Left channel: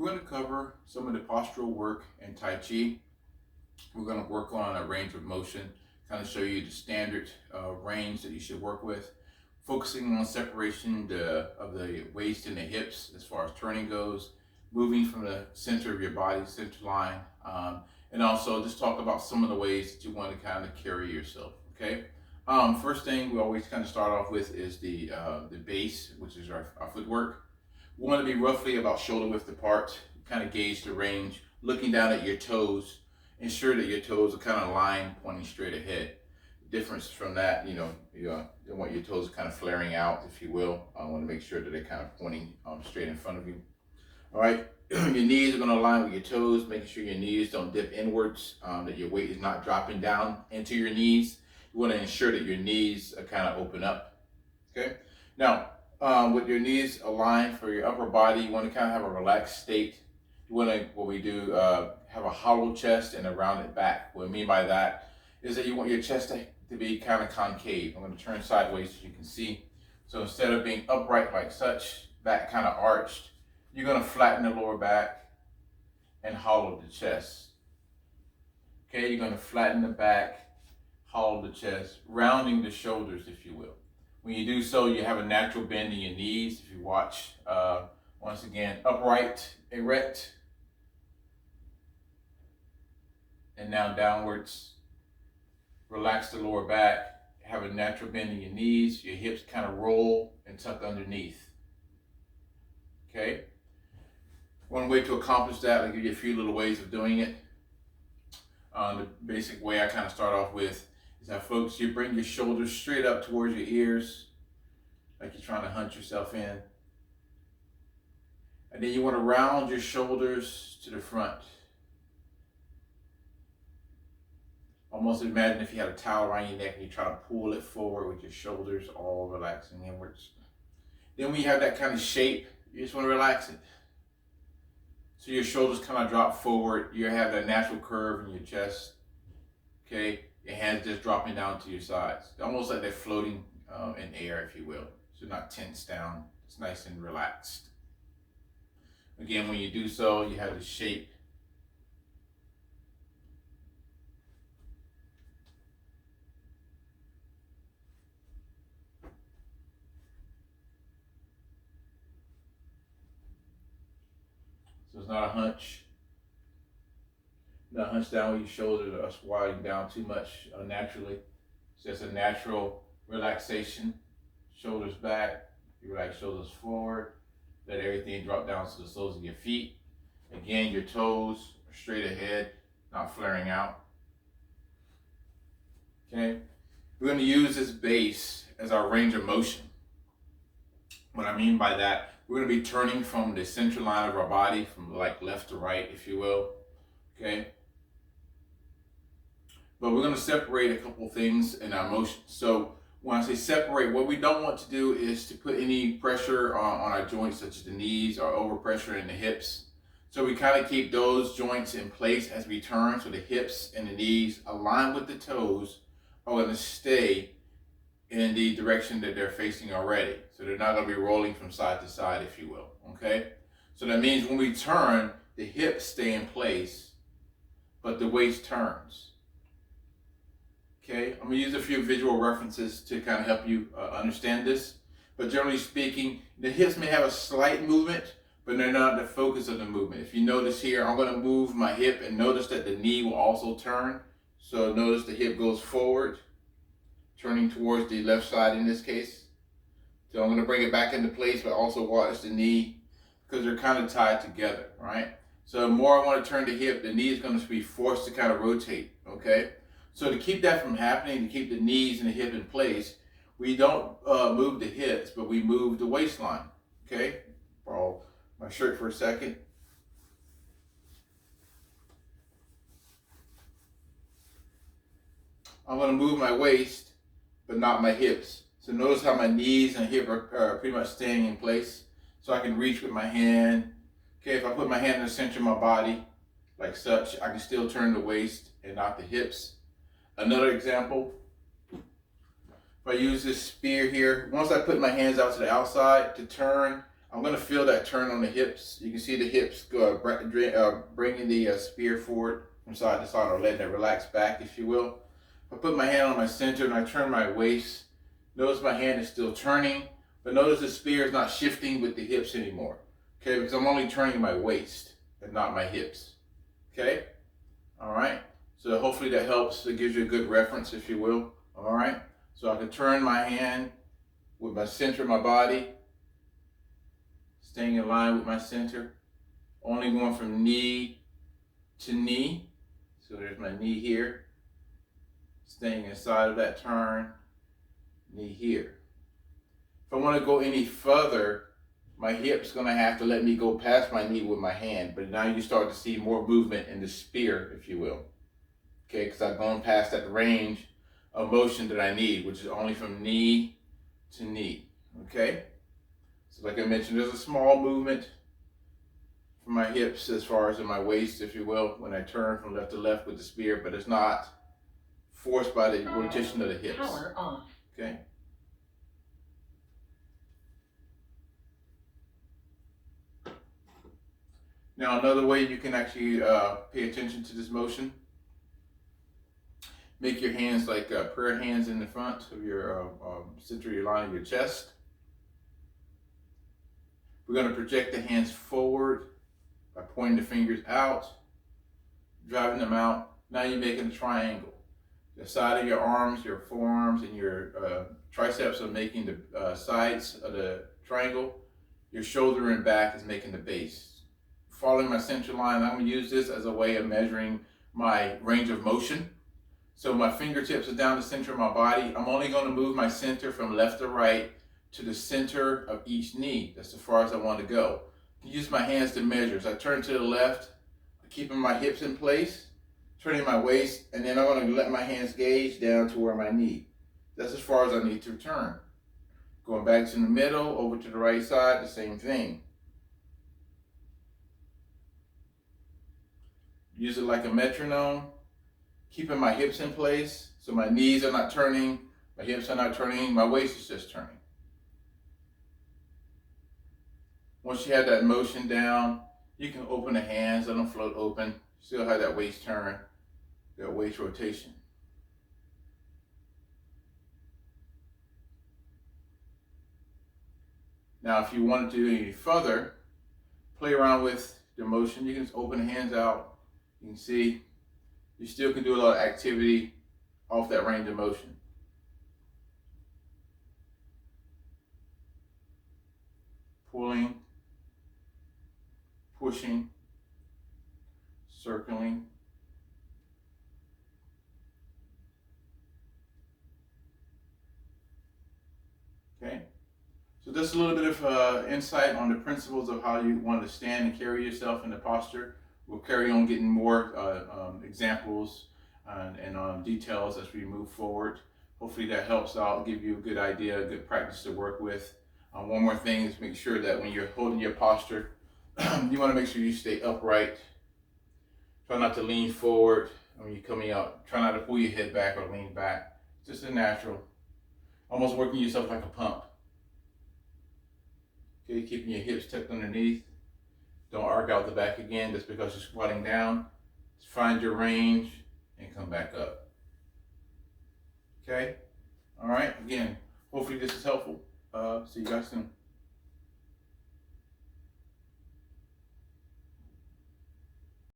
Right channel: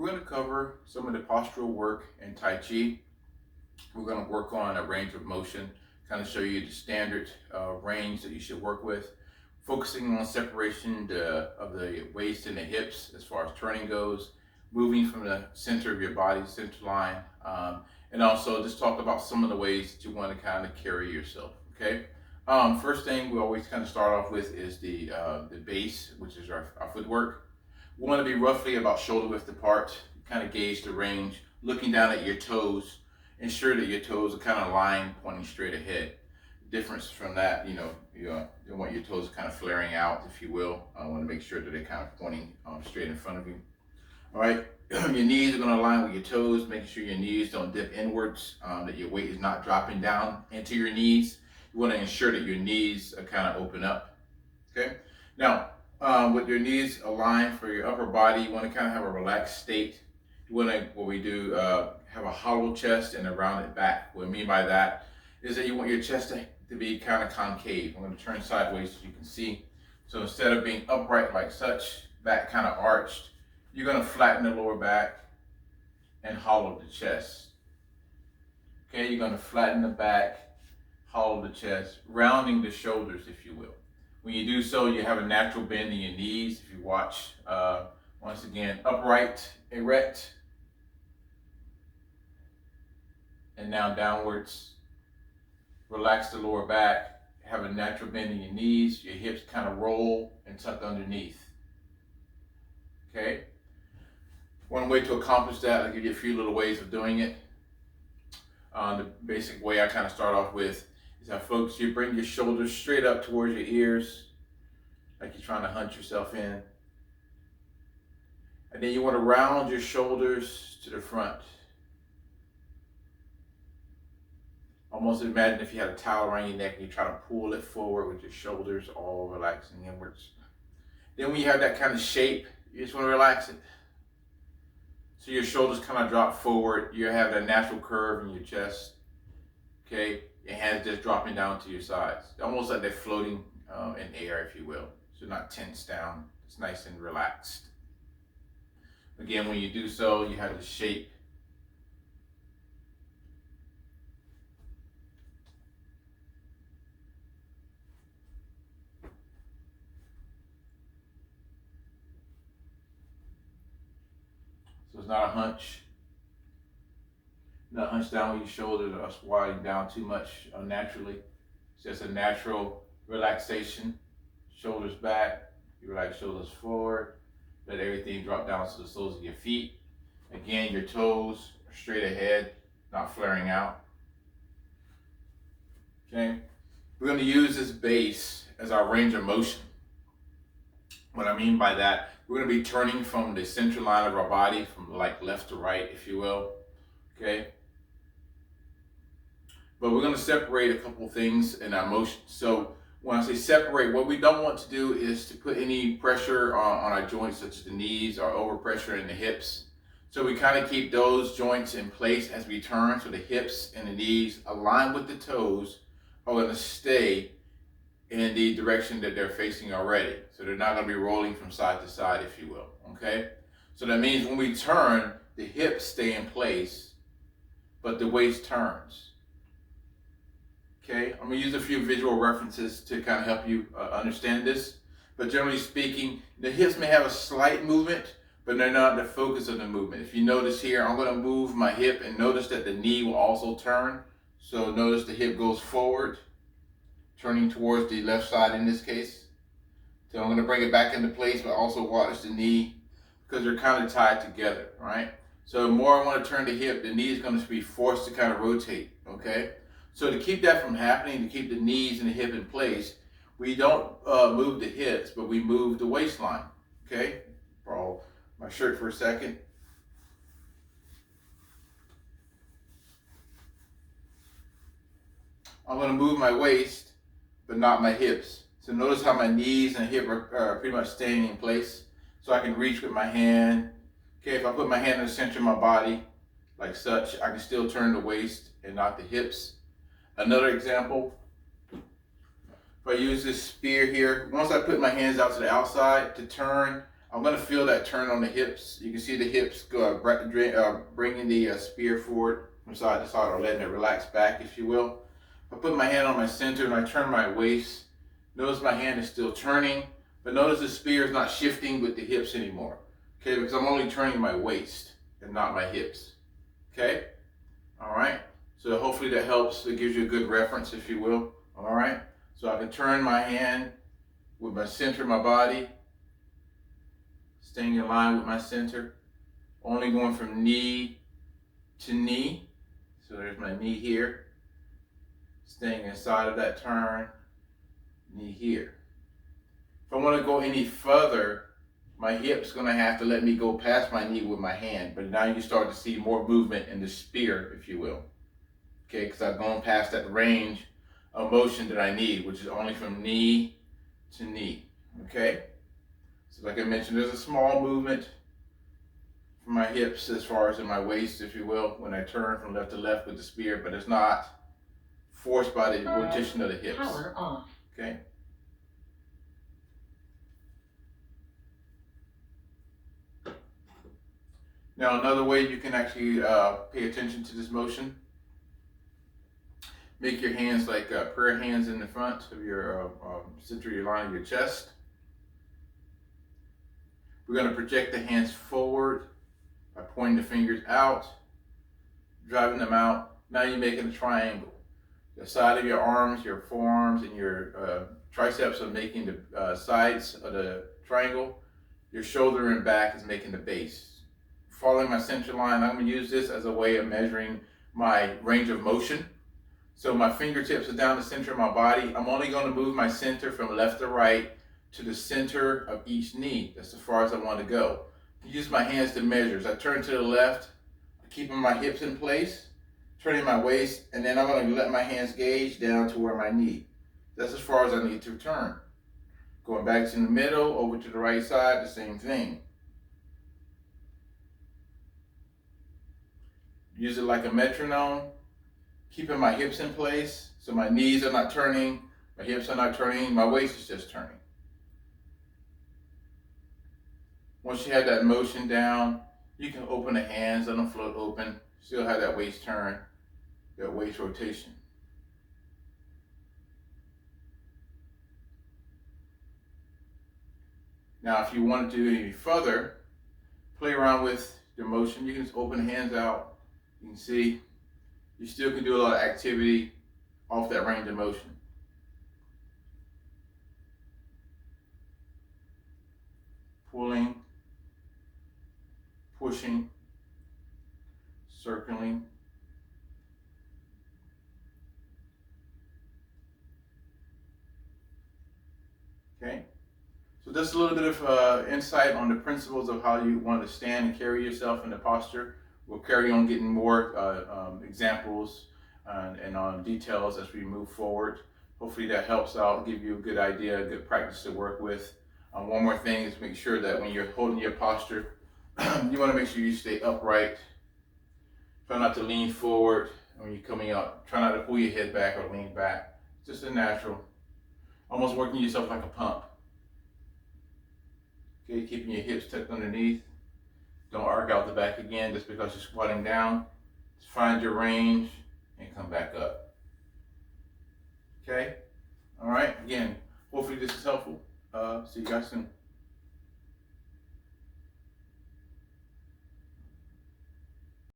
We're going to cover some of the postural work in Tai Chi. We're going to work on a range of motion, kind of show you the standard range that you should work with, focusing on separation of the waist and the hips as far as turning goes, moving from the center of your body, center line, and also just talk about some of the ways that you want to kind of carry yourself, okay? First thing we always kind of start off with is the base, which is our footwork. We want to be roughly about shoulder width apart, kind of gauge the range, looking down at your toes, ensure that your toes are kind of lined, pointing straight ahead. Difference from that, you don't want your toes kind of flaring out, if you will. I want to make sure that they're kind of pointing straight in front of you. All right, your knees are going to align with your toes, making sure your knees don't dip inwards, that your weight is not dropping down into your knees. You want to ensure that your knees are kind of open up, okay? Now, with your knees aligned for your upper body, you want to kind of have a relaxed state. You want to, what we do, have a hollow chest and a rounded back. What I mean by that is that you want your chest to be kind of concave. I'm going to turn sideways so you can see. So instead of being upright like such, back kind of arched, you're going to flatten the lower back and hollow the chest. Okay, you're going to flatten the back, hollow the chest, rounding the shoulders, if you will. When you do so, you have a natural bend in your knees. If you watch, once again, upright, erect, and now downwards. Relax the lower back, have a natural bend in your knees, your hips kind of roll and tuck underneath. Okay? One way to accomplish that, I'll give you a few little ways of doing it. The basic way I kind of start off with is that, folks, you bring your shoulders straight up towards your ears, like you're trying to hunt yourself in. And then you want to round your shoulders to the front. Almost imagine if you had a towel around your neck and you try to pull it forward with your shoulders all relaxing inwards. Then when you have that kind of shape, you just want to relax it. So your shoulders kind of drop forward. You have that natural curve in your chest. Okay, your hands just dropping down to your sides. Almost like they're floating in air, if you will. So not tense down. It's nice and relaxed. Again, when you do so, you have the shape. So it's not a hunch. Not hunch down with your shoulders or squatting down too much unnaturally. It's just a natural relaxation. Shoulders back, you relax shoulders forward. Let everything drop down to the soles of your feet. Again, your toes are straight ahead, not flaring out. Okay? We're going to use this base as our range of motion. What I mean by that, we're going to be turning from the center line of our body, from like left to right, if you will. Okay? But we're going to separate a couple things in our motion. So when I say separate, what we don't want to do is to put any pressure on our joints, such as the knees, or overpressure in the hips. So we kind of keep those joints in place as we turn. So the hips and the knees align with the toes are going to stay in the direction that they're facing already. So they're not going to be rolling from side to side, if you will, okay? So that means when we turn, the hips stay in place, but the waist turns, okay? I'm going to use a few visual references to kind of help you understand this. But generally speaking, the hips may have a slight movement, but they're not the focus of the movement. If you notice here, I'm going to move my hip and notice that the knee will also turn. So notice the hip goes forward, turning towards the left side in this case. So I'm going to bring it back into place, but also watch the knee because they're kind of tied together, right? So the more I want to turn the hip, the knee is going to be forced to kind of rotate, okay? So to keep that from happening, to keep the knees and the hip in place, we don't move the hips, but we move the waistline, okay? Borrow my shirt for a second. I'm going to move my waist, but not my hips. So notice how my knees and hip are pretty much staying in place. So I can reach with my hand. Okay, if I put my hand in the center of my body, like such, I can still turn the waist and not the hips. Another example, if I use this spear here, once I put my hands out to the outside to turn, I'm going to feel that turn on the hips. You can see the hips go, bringing the spear forward from side to side, or letting it relax back, if you will. I put my hand on my center and I turn my waist. Notice my hand is still turning, but notice the spear is not shifting with the hips anymore. Okay, because I'm only turning my waist and not my hips. Okay, all right. So hopefully that helps. It gives you a good reference, if you will. All right. So I can turn my hand with my center of my body, staying in line with my center, only going from knee to knee. So there's my knee here, staying inside of that turn, knee here. If I want to go any further, my hip's going to have to let me go past my knee with my hand, but now you start to see more movement in the spear, if you will. Okay, because I've gone past that range of motion that I need, which is only from knee to knee. Okay, so like I mentioned, there's a small movement from my hips as far as in my waist, if you will, when I turn from left to left with the spear, but it's not forced by the rotation of the hips. Power off. Okay. Now another way you can actually pay attention to this motion, make your hands like prayer hands in the front of your center of your line of your chest. We're going to project the hands forward by pointing the fingers out, driving them out. Now you're making a triangle. The side of your arms, your forearms, and your triceps are making the sides of the triangle. Your shoulder and back is making the base. Following my center line, I'm going to use this as a way of measuring my range of motion. So my fingertips are down the center of my body. I'm only going to move my center from left to right to the center of each knee. That's as far as I want to go. I use my hands to measure. As I turn to the left, keeping my hips in place, turning my waist, and then I'm going to let my hands gauge down to where my knee. That's as far as I need to turn. Going back to the middle, over to the right side, the same thing. Use it like a metronome, keeping my hips in place so my knees are not turning, my hips are not turning, my waist is just turning. Once you have that motion down, you can open the hands, let them float open, still have that waist turn, that waist rotation. Now, if you want to do any further, play around with the motion. You can just open the hands out. You can see you still can do a lot of activity off that range of motion. Pulling, pushing, circling. Okay, so just a little bit of insight on the principles of how you want to stand and carry yourself in the posture. We'll carry on getting more examples and details as we move forward. Hopefully that helps out, give you a good idea, a good practice to work with. One more thing is make sure that when you're holding your posture, you want to make sure you stay upright. Try not to lean forward when you're coming up. Try not to pull your head back or lean back. Just a natural. Almost working yourself like a pump. Okay, keeping your hips tucked underneath. Don't arc out the back again just because you're squatting down. Just find your range and come back up. Okay? All right? Again, hopefully this is helpful. See you guys soon.